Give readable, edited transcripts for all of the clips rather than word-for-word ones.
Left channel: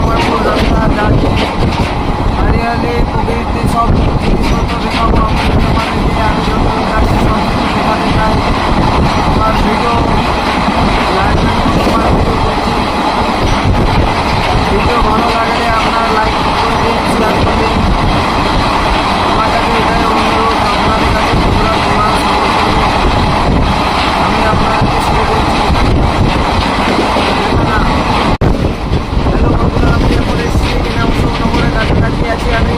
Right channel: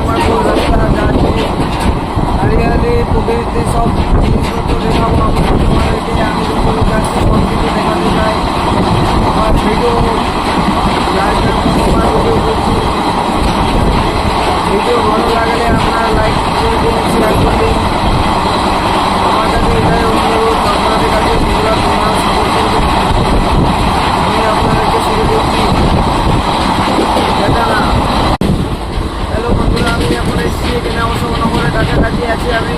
আমার মূল রাস্তা যাচ্ছি হরিয়ালি প্রকৃতি সব জিনিসপত্র দেখাবো তোমাদেরকে। আমি যতটুকু যাচ্ছি সব কিছু দেখাতে চাই। আমার ভিডিও লাইভের তোমার ভিডিও করছি। ভিডিও ভালো লাগলে আপনারা লাইক করে দিন, শেয়ার করে দিন। আমার কাছে এটাই অনুরোধ আপনাদের কাছে, বন্ধুরা তোমরা সাপোর্ট করবে। আমি আপনাদেরকে শুরু করছি দেখা না। হ্যালো বন্ধুরা, আমি এখন এসেছি এখানে অশোকনগরের কাছাকাছি আছি আমি।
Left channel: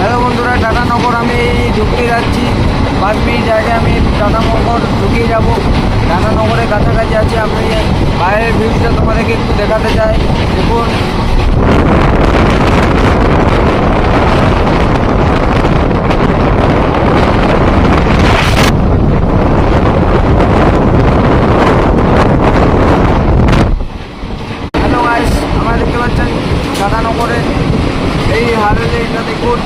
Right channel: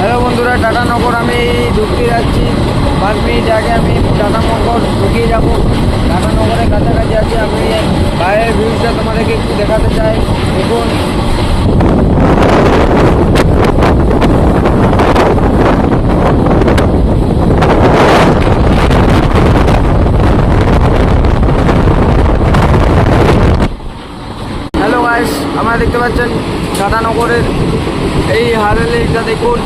হ্যালো বন্ধুরা, টাটানগর আমি ঢুকতে যাচ্ছি। 5 মিনিট আগে আমি টাটানগর ঢুকিয়ে যাব। টাটানগরের কাছাকাছি আছি আমি। বাইরের ভিউটা তোমাদেরকে একটু দেখাতে চাই, দেখুন। হ্যালো গাইস, আপনারা দেখতে পাচ্ছেন টাটানগরের এই হারলেটা দেখুন।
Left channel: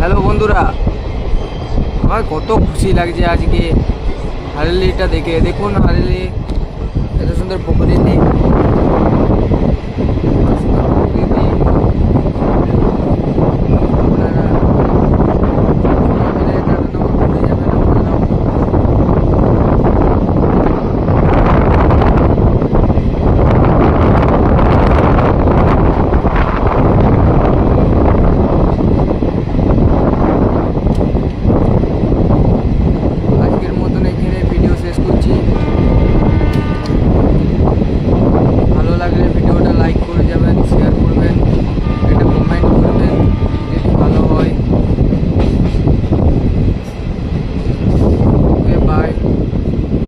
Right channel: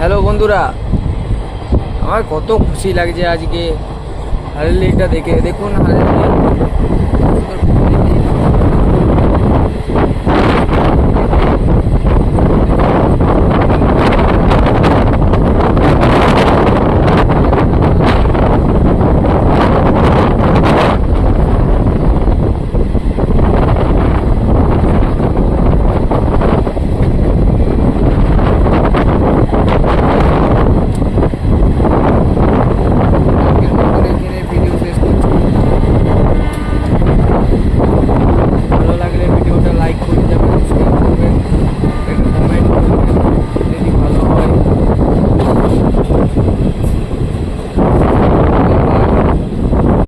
হ্যালো বন্ধুরা, আমার কত খুশি লাগছে আজকে হারলিটা দেখে। দেখুন হারলি কত সুন্দর পুকুরে